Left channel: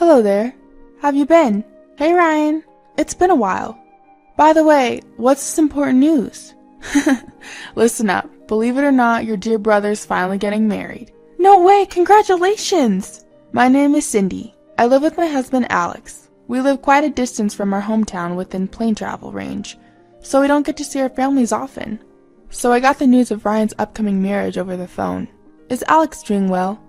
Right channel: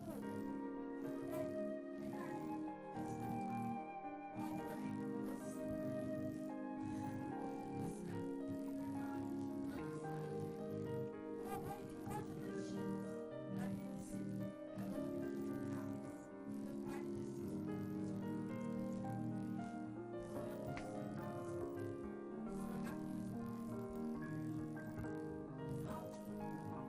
Hello there. Have you been? Hey Ryan, it's been a while. By the way, what's this important news? Listen up. Believe it or not, your dear brother's finally getting married. No way, congratulations! My name is Cindy. I live with my husband Alex. We live quite a distance from our hometown within plane travel range, so we don't get to see our families often. So I got the news of Ryan's upcoming marriage over the phone. Is Alex doing well?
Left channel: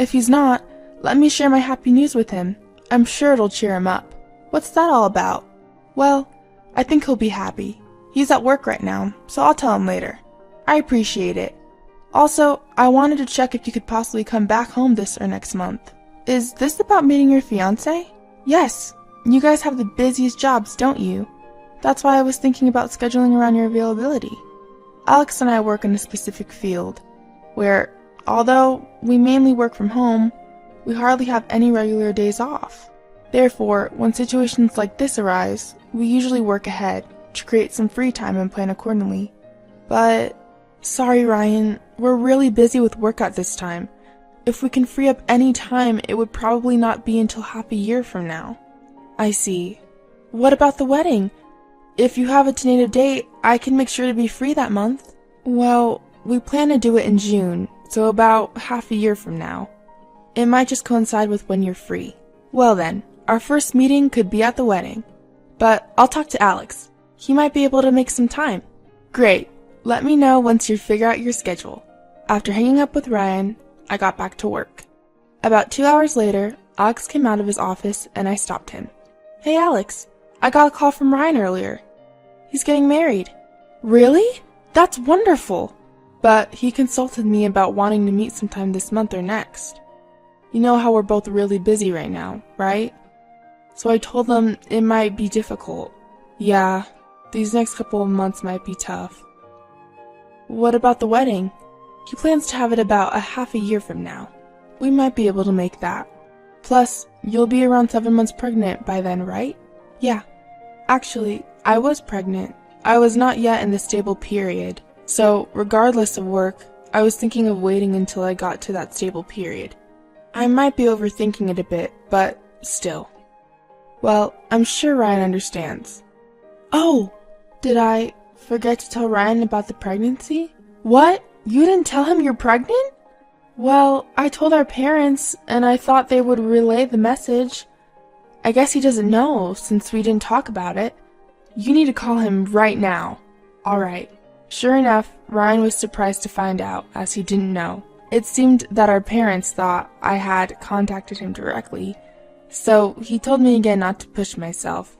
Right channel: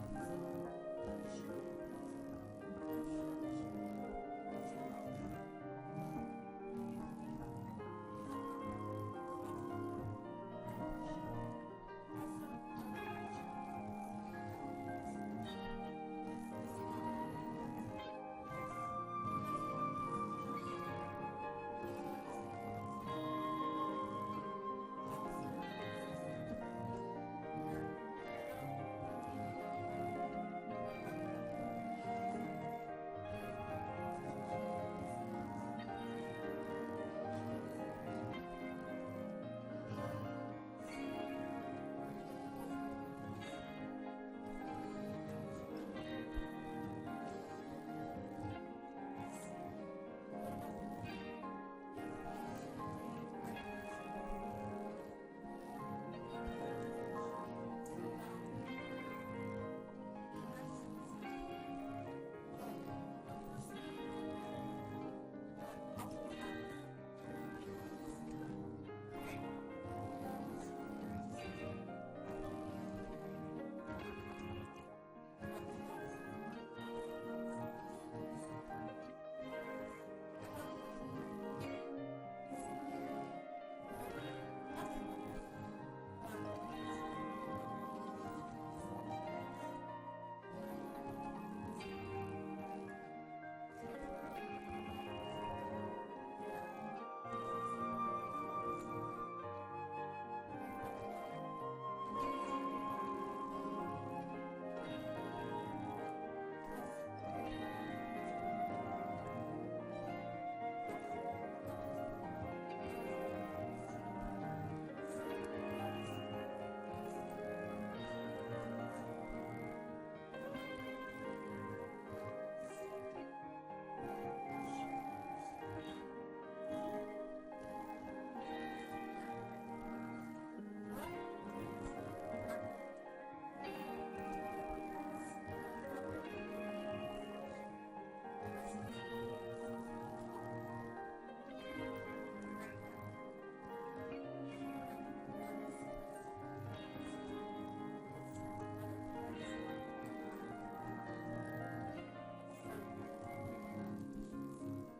If he's not, let me share my happy news with him. I'm sure it'll cheer him up. What's that all about? Well, I think he'll be happy. He's at work right now, so I'll tell him later. I appreciate it. Also, I wanted to check if you could possibly come back home this or next month. Is this about meeting your fiancé? Yes. You guys have the busiest jobs, don't you? That's why I was thinking about scheduling around your availability. Alex and I work in a specific field, where, although we mainly work from home, we hardly have any regular days off. Therefore, when situations like this arise, we usually work ahead to create some free time and plan accordingly. But, sorry Ryan, we're really busy with work at this time. If we can free up any time, it would probably not be until half a year from now. I see. What about the wedding? If you have a tentative date, I can make sure to be free that month. Well, we plan to do it in June, so about half a year from now. It might just coincide with when you're free. Well then, our first meeting could be at the wedding. But I'll talk to Alex. He might be able to make some time. Great. Let me know once you figure out your schedule. After hanging up with Ryan, I got back to work. About 2 hours later, Alex came out of his office and I stopped him. Hey Alex, I got a call from Ryan earlier. He's getting married. Really? That's wonderful! But he consulted me about wanting to meet sometime this month or next. You know how we're both really busy right now, right? So I told him it might be difficult. Yeah, these next couple of months might be tough. What about the wedding? He plans to have it about a half a year from now. We might be able to make that. Plus, you'll be around 7 months pregnant by then, right? Yeah. Actually, I was pregnant. I was not yet in the stable period. So, regardless of work, I was thinking of waiting until I got to that stable period. I might be overthinking it a bit, but still. Well, I'm sure Ryan understands. Oh! Did I forget to tell Ryan about the pregnancy? What? You didn't tell him you're pregnant? Well, I told our parents, and I thought they would relay the message. I guess he doesn't know, since we didn't talk about it. You need to call him right now. Alright. Sure enough, Ryan was surprised to find out, as he didn't know. It seemed that our parents thought I had contacted him directly, so he told me again not to push myself.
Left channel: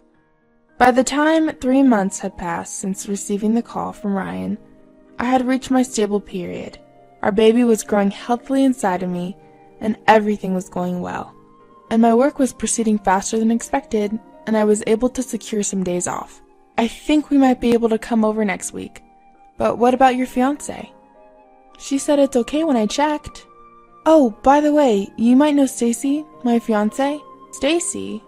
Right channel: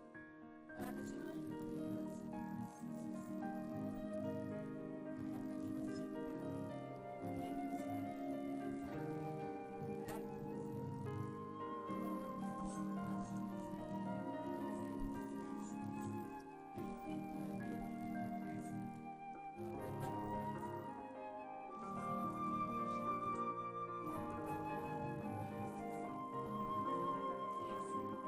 By the time 3 months had passed since receiving the call from Ryan, I had reached my stable period. Our baby was growing healthily inside of me, and everything was going well. And my work was proceeding faster than expected, and I was able to secure some days off. I think we might be able to come over next week. But what about your fiancé? She said it's okay when I checked. Oh, by the way, you might know Stacy, my fiancé. Stacy?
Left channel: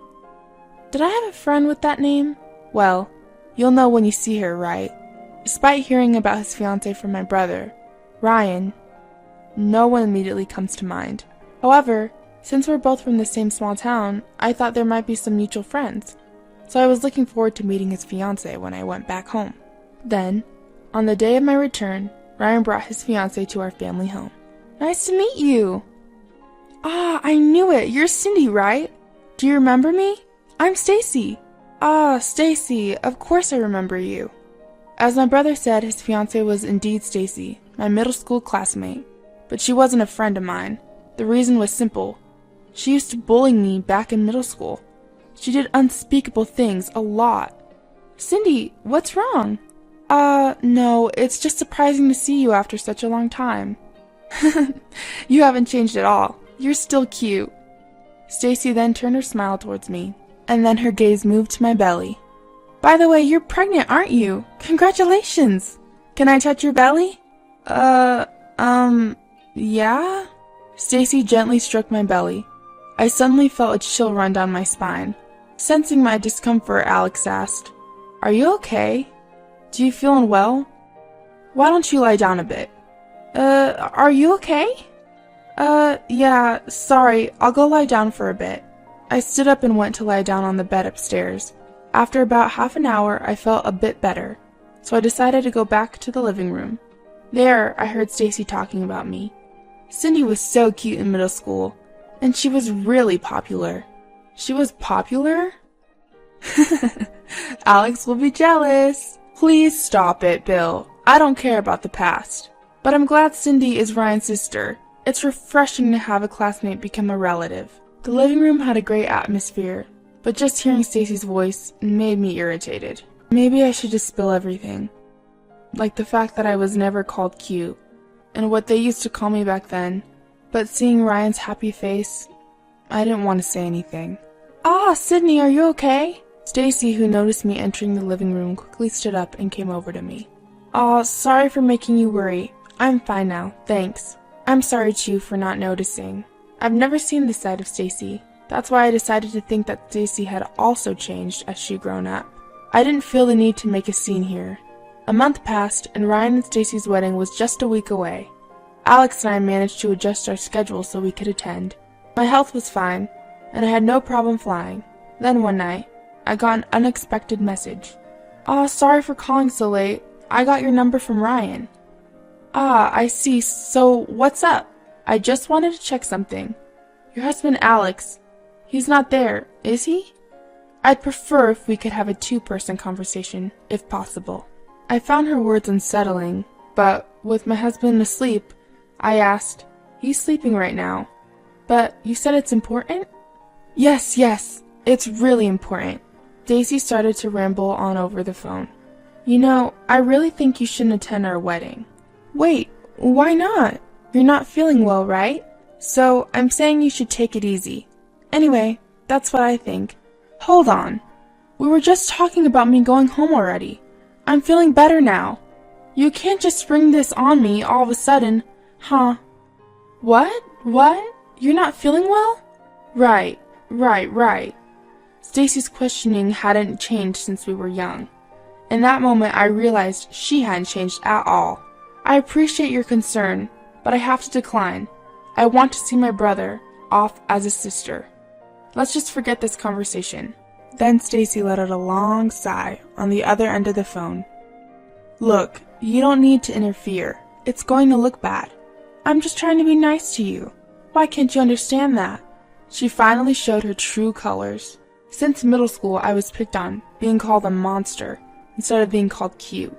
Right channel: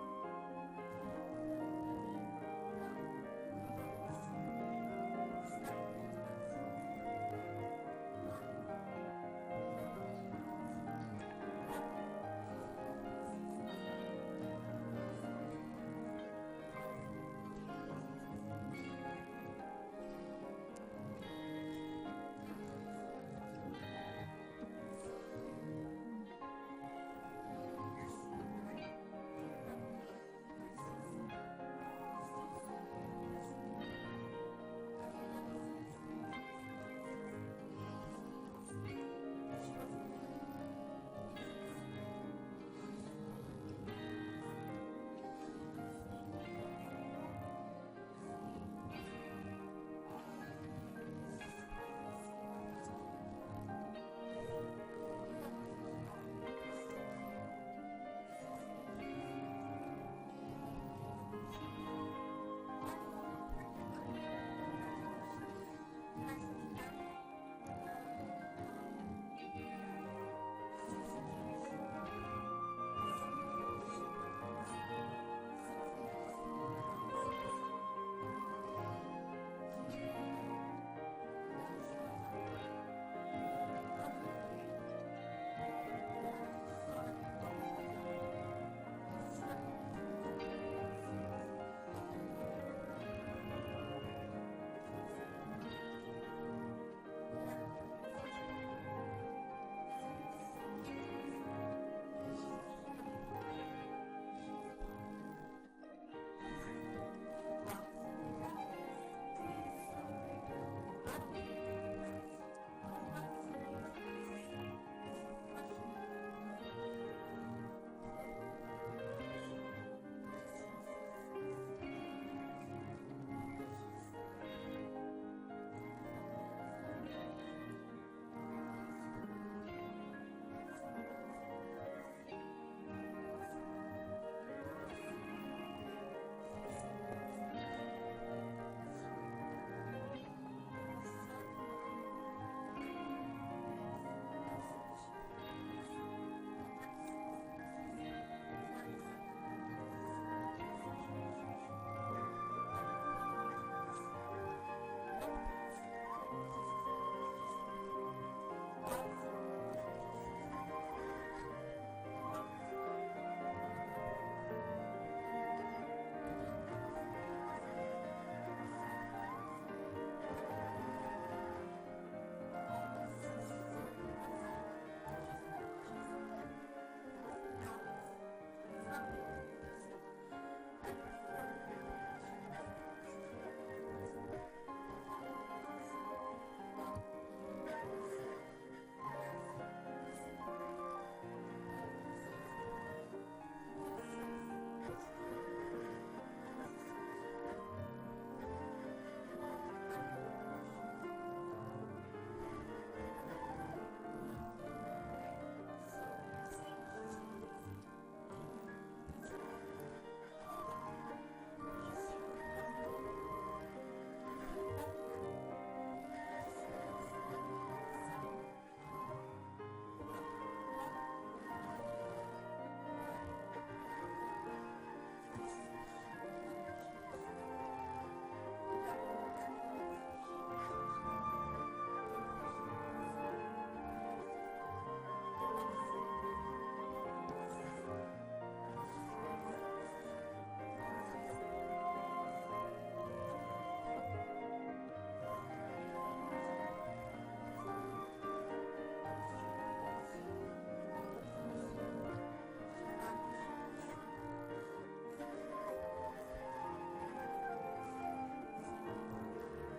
Did I have a friend with that name? Well, you'll know when you see her, right? Despite hearing about his fiancé from my brother, Ryan, no one immediately comes to mind. However, since we're both from the same small town, I thought there might be some mutual friends. So I was looking forward to meeting his fiancé when I went back home. Then, on the day of my return, Ryan brought his fiancé to our family home. Nice to meet you! Ah, I knew it! You're Cindy, right? Do you remember me? I'm Stacy. Ah, Stacy, of course I remember you. As my brother said, his fiancée was indeed Stacy, my middle school classmate. But she wasn't a friend of mine. The reason was simple. She used to bully me back in middle school. She did unspeakable things a lot. Cindy, what's wrong? No, it's just surprising to see you after such a long time. You haven't changed at all. You're still cute. Stacy then turned her smile towards me, and then her gaze moved to my belly. By the way, you're pregnant, aren't you? Congratulations! Can I touch your belly? Yeah? Stacy gently stroked my belly. I suddenly felt a chill run down my spine. Sensing my discomfort, Alex asked, "Are you okay? Do you feel unwell? Why don't you lie down a bit?" Are you okay? Yeah, sorry, I'll go lie down for a bit. I stood up and went to lie down on the bed upstairs. After about half an hour, I felt a bit better, so I decided to go back to the living room. There, I heard Stacy talking about me. Cindy was so cute in middle school, and she was really popular. She was popular? Alex will be jealous. Please stop it, Bill. I don't care about the past. But I'm glad Cindy is Ryan's sister. It's refreshing to have a classmate become a relative. The living room had a great atmosphere, but just hearing Stacy's voice made me irritated. Maybe I should just spill everything. Like the fact that I was never called cute, and what they used to call me back then. But seeing Ryan's happy face, I didn't want to say anything. Ah, Sydney, are you okay? Stacy, who noticed me entering the living room, quickly stood up and came over to me. Aw, sorry for making you worry. I'm fine now, thanks. I'm sorry too for not noticing. I've never seen this side of Stacy. That's why I decided to think that Stacy had also changed as she'd grown up. I didn't feel the need to make a scene here. A month passed, and Ryan and Stacy's wedding was just a week away. Alex and I managed to adjust our schedule so we could attend. My health was fine, and I had no problem flying. Then one night, I got an unexpected message. "Aw, sorry for calling so late. I got your number from Ryan." "Ah, I see. So, what's up?" "I just wanted to check something. Your husband Alex, he's not there, is he? I'd prefer if we could have a two-person conversation, if possible." I found her words unsettling, but with my husband asleep, I asked, "He's sleeping right now. But you said it's important?" Yes, it's really important." Daisy started to ramble on over the phone. "You know, I really think you shouldn't attend our wedding." "Wait, why not? You're not feeling well, right? So I'm saying you should take it easy. Anyway, that's what I think." "Hold on. We were just talking about me going home already. I'm feeling better now. You can't just spring this on me all of a sudden, huh?" What? You're not feeling well?" Right. Stacy's questioning hadn't changed since we were young. In that moment, I realized she hadn't changed at all. "I appreciate your concern, but I have to decline. I want to see my brother off as a sister. Let's just forget this conversation." Then Stacy let out a long sigh on the other end of the phone. "Look, you don't need to interfere. It's going to look bad. I'm just trying to be nice to you. Why can't you understand that?" She finally showed her true colors. Since middle school, I was picked on, being called a monster, instead of being called cute.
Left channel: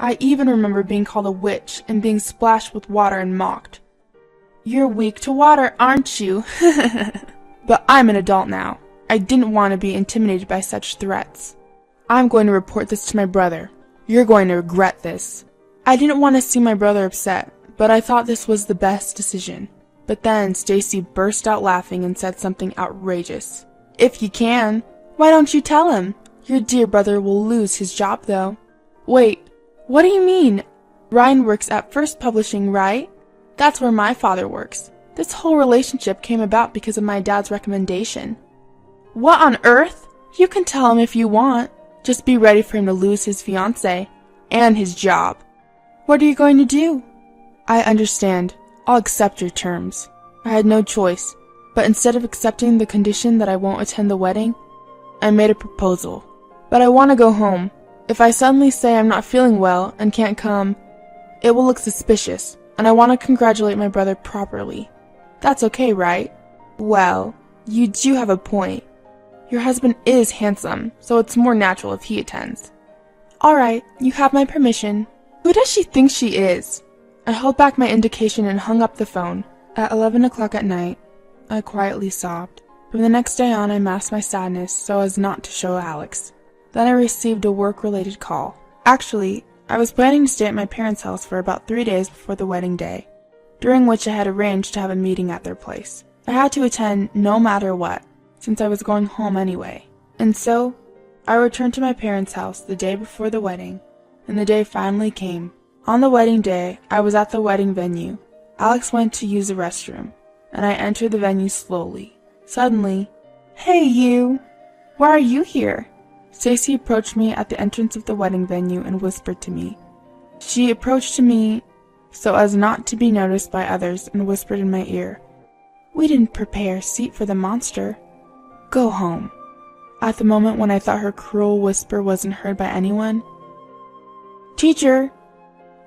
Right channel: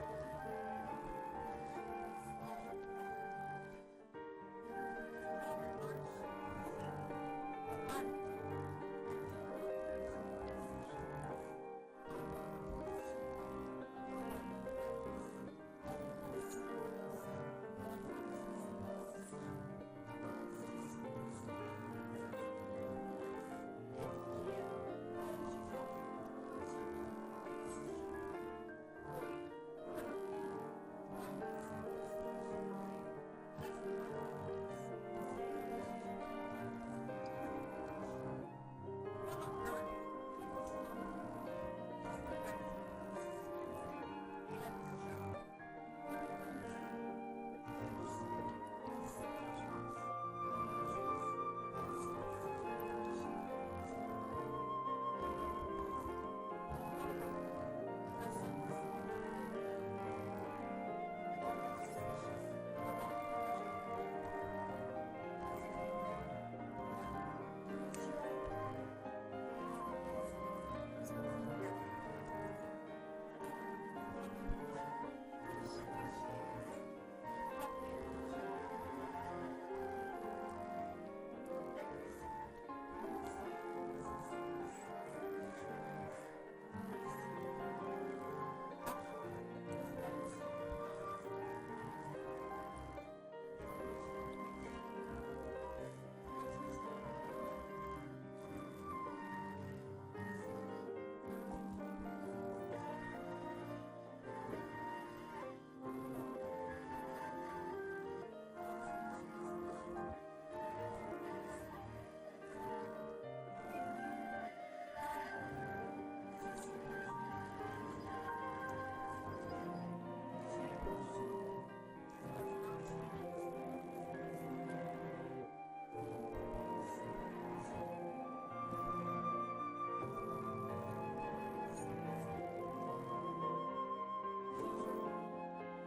I even remember being called a witch and being splashed with water and mocked. "You're weak to water, aren't you?" But I'm an adult now. I didn't want to be intimidated by such threats. "I'm going to report this to my brother. You're going to regret this." I didn't want to see my brother upset, but I thought this was the best decision. But then Stacy burst out laughing and said something outrageous. "If you can, why don't you tell him? Your dear brother will lose his job, though." "Wait, what do you mean? Ryan works at First Publishing, right? That's where my father works. This whole relationship came about because of my dad's recommendation." "What on earth? You can tell him if you want. Just be ready for him to lose his fiancée and his job." "What are you going to do?" "I understand. I'll accept your terms." I had no choice, but instead of accepting the condition that I won't attend the wedding, I made a proposal. "But I want to go home. If I suddenly say I'm not feeling well and can't come, it will look suspicious, and I want to congratulate my brother properly. That's okay, right?" "Well, you do have a point. Your husband is handsome, so it's more natural if he attends." "All right, you have my permission." Who does she think she is? I held back my indication and hung up the phone. At 11 o'clock at night, I quietly sobbed. From the next day on, I masked my sadness so as not to show Alex. Then I received a work-related call. Actually, I was planning to stay at my parents' house for about 3 days before the wedding day, during which I had arranged to have a meeting at their place. I had to attend no matter what, since I was going home anyway. And so, I returned to my parents' house the day before the wedding, and the day finally came. On the wedding day, I was at the wedding venue. Alex went to use the restroom, and I entered the venue slowly. Suddenly, "Hey, you! Why are you here?" Stacy approached me at the entrance of the wedding venue and whispered to me. She approached to me so as not to be noticed by others and whispered in my ear, "We didn't prepare a seat for the monster." Go home. At the moment when I thought her cruel whisper wasn't heard by anyone. Teacher,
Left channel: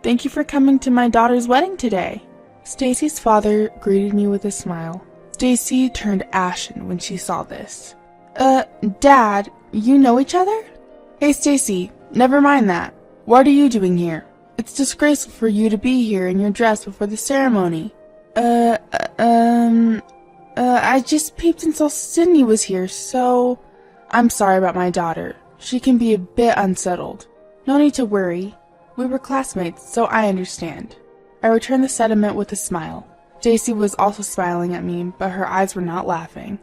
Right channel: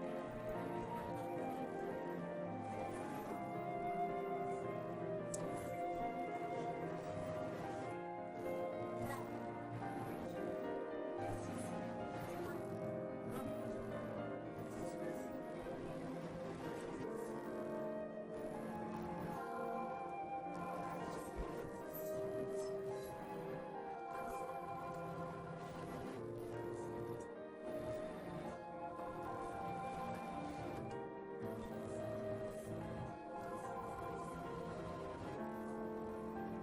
thank you for coming to my daughter's wedding today. Stacy's father greeted me with a smile. Stacy turned ashen when she saw this. Dad, you know each other? Hey Stacy, never mind that. What are you doing here? It's disgraceful for you to be here in your dress before the ceremony. I just peeped and saw Cindy was here, so... I'm sorry about my daughter. She can be a bit unsettled. No need to worry. We were classmates, so I understand. I returned the sentiment with a smile. Stacy was also smiling at me, but her eyes were not laughing.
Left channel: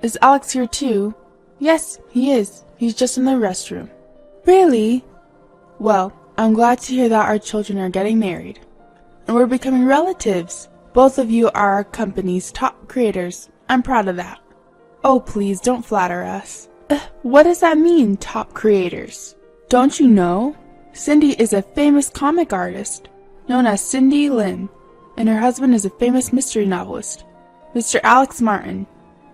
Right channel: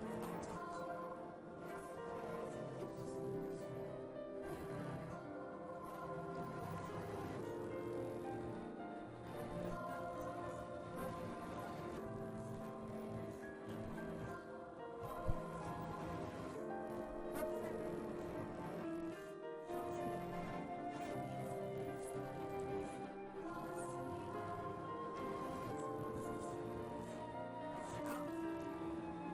Is Alex here too? Yes, he is. He's just in the restroom. Really? Well, I'm glad to hear that our children are getting married. And we're becoming relatives. Both of you are our company's top creators. I'm proud of that. Oh, please don't flatter us. What does that mean, top creators? Don't you know? Cindy is a famous comic artist, known as Cindy Lim, and her husband is a famous mystery novelist, Mr. Alex Martin.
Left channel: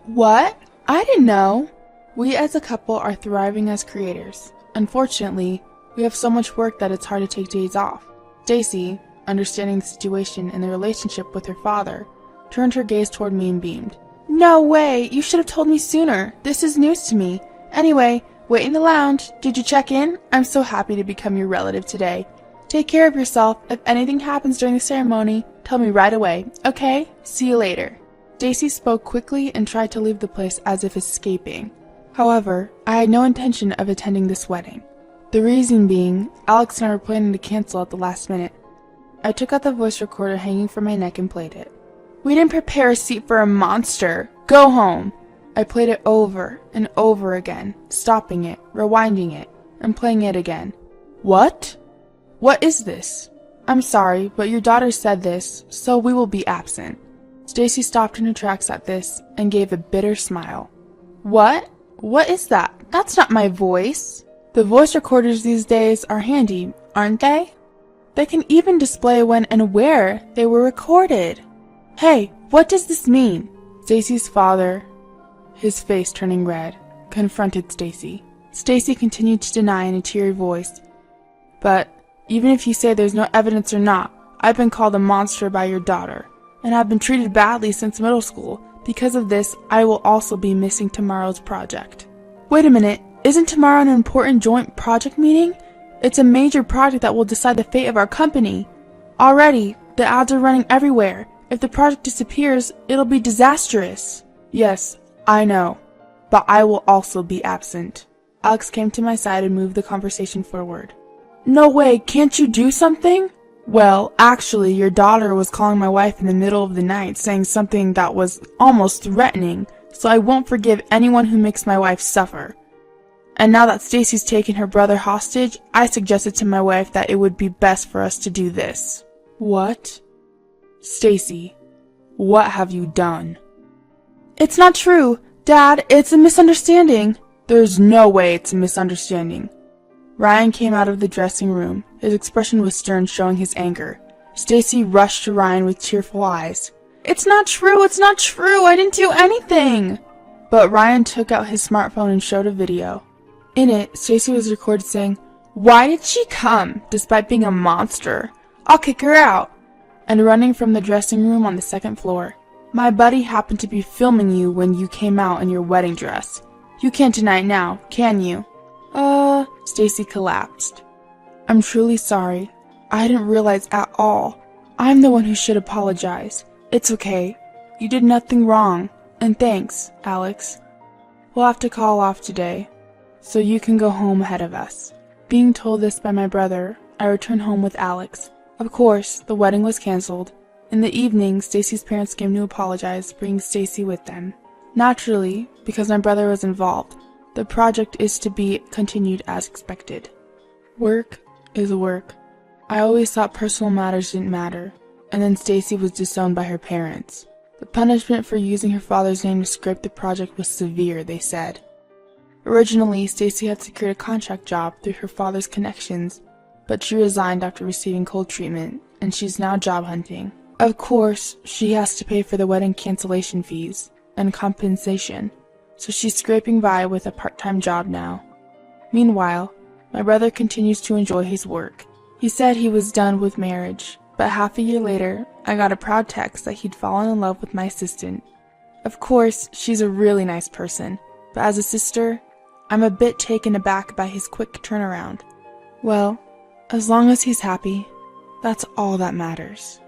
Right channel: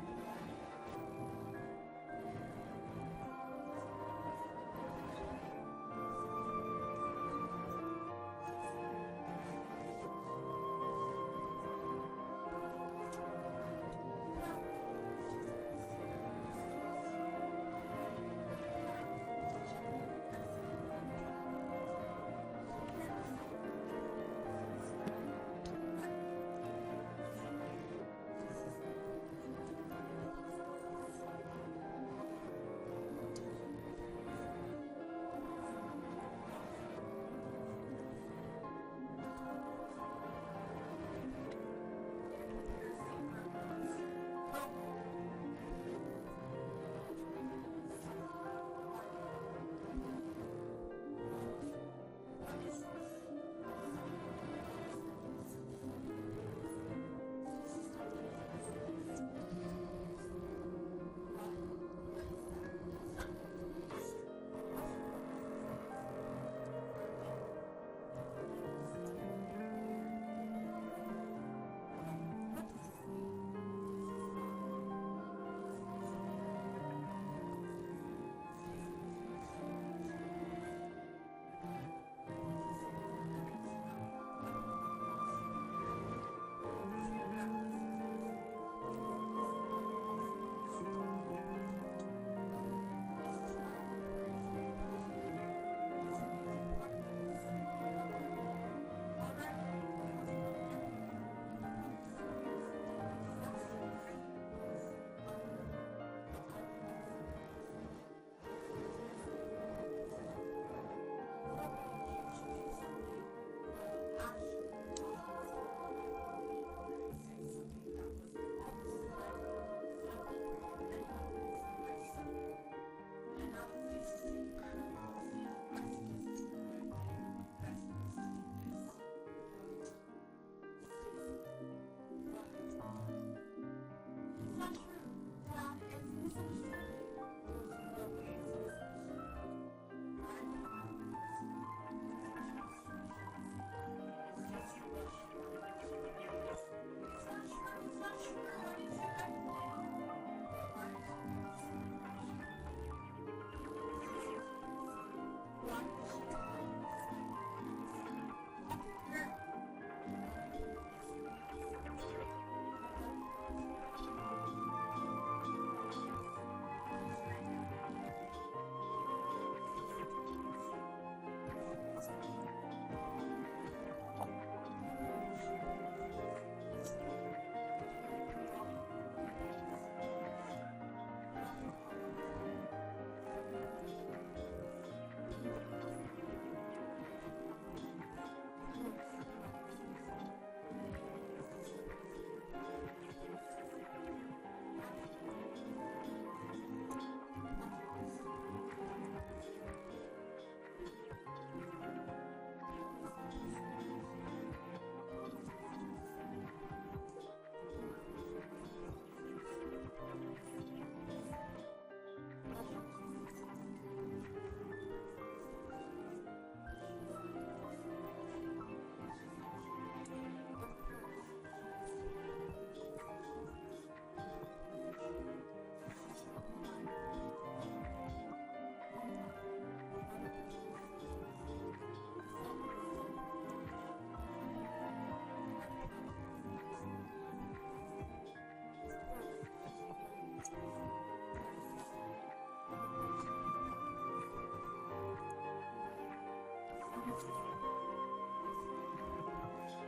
What? I didn't know. We as a couple are thriving as creators. Unfortunately, we have so much work that it's hard to take days off. Stacy, understanding the situation and the relationship with her father, turned her gaze toward me and beamed. No way! You should have told me sooner. This is news to me. Anyway, wait in the lounge. Did you check in? I'm so happy to become your relative today. Take care of yourself. If anything happens during the ceremony, tell me right away, okay? See you later. Stacy spoke quickly and tried to leave the place as if escaping. However, I had no intention of attending this wedding. The reason being, Alex and I were planning to cancel at the last minute. I took out the voice recorder hanging from my neck and played it. We didn't prepare a seat for a monster. Go home. I played it over and over again, stopping it, rewinding it, and playing it again. What? What is this? I'm sorry, but your daughter said this, so we will be absent. Stacy stopped in her tracks at this and gave a bitter smile. What? What is that? That's not my voice. The voice recorders these days are handy, aren't they? They can even display when and where they were recorded. Hey, what does this mean? Stacy's father, his face turning red, confronted Stacy. Stacy continued to deny in a teary voice. But even if you say there's no evidence or not, I've been called a monster by your daughter, and I've been treated badly since middle school. Because of this, I will also be missing tomorrow's project. Wait a minute, isn't tomorrow an important joint project meeting? It's a major project that will decide the fate of our company. Already, the ads are running everywhere. If the project disappears, it'll be disastrous. Yes, I know, but I will also be absent. Alex came to my side and moved the conversation forward. No way, can't you do something? Well, actually, your daughter was calling my wife in the middle of the night, saying something that was almost threatening, so I won't forgive anyone who makes my wife suffer. And now that Stacy's taken her brother hostage, I suggested to my wife that it would be best for us to do this. What? Stacy, what have you done? It's not true. Dad, it's a misunderstanding. There's no way it's a misunderstanding. Ryan came out of the dressing room. His expression was stern, showing his anger. Stacy rushed to Ryan with tearful eyes. It's not true, it's not true, I didn't do anything! But Ryan took out his smartphone and showed a video. In it, Stacy was recorded saying, "Why did she come, despite being a monster? I'll kick her out," and running from the dressing room on the second floor. My buddy happened to be filming you when you came out in your wedding dress. You can't deny it now, can you? Stacy collapsed. I'm truly sorry. I didn't realize at all. I'm the one who should apologize. It's okay. You did nothing wrong. And thanks, Alex. We'll have to call off today, so you can go home ahead of us. Being told this by my brother, I returned home with Alex. Of course, the wedding was canceled. In the evening, Stacy's parents came to apologize, bringing Stacy with them. Naturally, because my brother was involved, the project is to be continued as expected. Work is work. I always thought personal matters didn't matter, and then Stacy was disowned by her parents. The punishment for using her father's name to script the project was severe, they said. Originally, Stacy had secured a contract job through her father's connections, but she resigned after receiving cold treatment, and she's now job hunting. Of course, she has to pay for the wedding cancellation fees and compensation. so she's scraping by with a part-time job now. Meanwhile, my brother continues to enjoy his work. He said he was done with marriage, but half a year later, I got a proud text that he'd fallen in love with my assistant. Of course, she's a really nice person, but as a sister, I'm a bit taken aback by his quick turnaround. Well, as long as he's happy, that's all that matters.